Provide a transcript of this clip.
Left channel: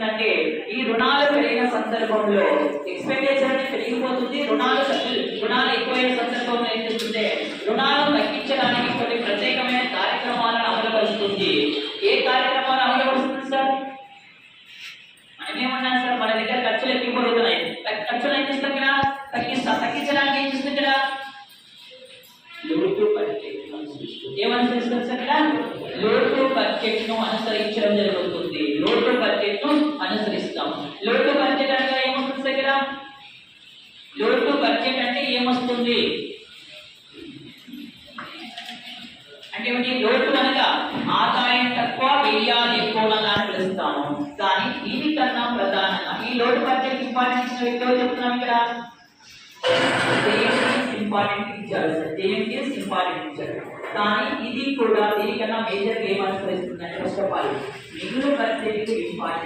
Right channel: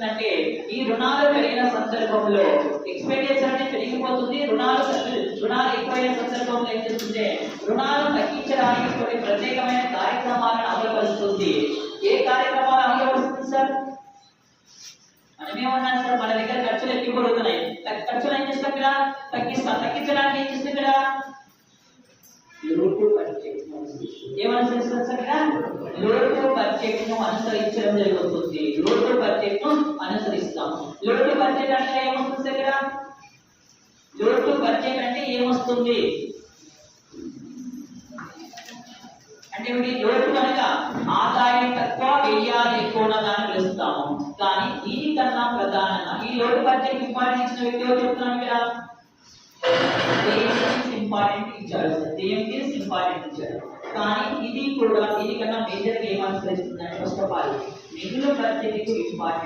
చేస్తుందంటే ఈ రుణాలు పెరిగిన సందర్భంలో ఎక్స్పెండిచర్ అనేది పెరిగిపోతుంది. రుణాలు ఎక్కువైన సందర్భంలో ఏం చేస్తుంది, రుణాలను తగ్గించడానికి కొన్ని ప్రత్యేకమైన కార్యక్రమాలను అమలుపరుస్తుంది. ఏ కార్యక్రమాలు అమలుపరుస్తుంది సార్? మనమేమన్నాం సార్, మన దగ్గర ఖర్చులు ఎక్కువ పెరుగుతున్నాయి. ఖర్చులు ఏం చేస్తాం కదా, తగ్గించడానికి ఏం చేస్తుంది కదా, లోటు బడ్జెట్ ఏమనుసరిస్తారు సార్? లోటు బడ్జెట్ ను అనుసరించడం జరుగుతుంది. లోటు బడ్జెట్ ను అనుసరిస్తాం. లోటు బడ్జెట్ అంటే ఏమొస్తుంది దగ్గర? లోటు బడ్జెట్ అంటే ఏమొస్తుంది అంటే ఏమిటి? లోటు అనగా ఆదాయం తక్కువ వ్యయాలు ఎక్కువ ఉన్నదాన్ని పిలుస్తాము. కానీ దీనికన్నా ప్రధానంగా ఈ లోటు బడ్జెట్ ఇంపార్టెంట్ ఇచ్చిన వ్యక్తి ఎవరు చెప్తున్నాం ఇక్కడ? ఇంపార్టెంట్ ఇచ్చారు సార్, దేనికి ఇంపార్టెంట్ ఇచ్చారు. కానీ ఇది కూడా దీనికన్నా మేజర్ ఏం అనుసరిస్తుందంటే ఫస్ట్ ఆఫ్ ఆల్ మిగులు బడ్జెట్ ఇంపార్టెంట్.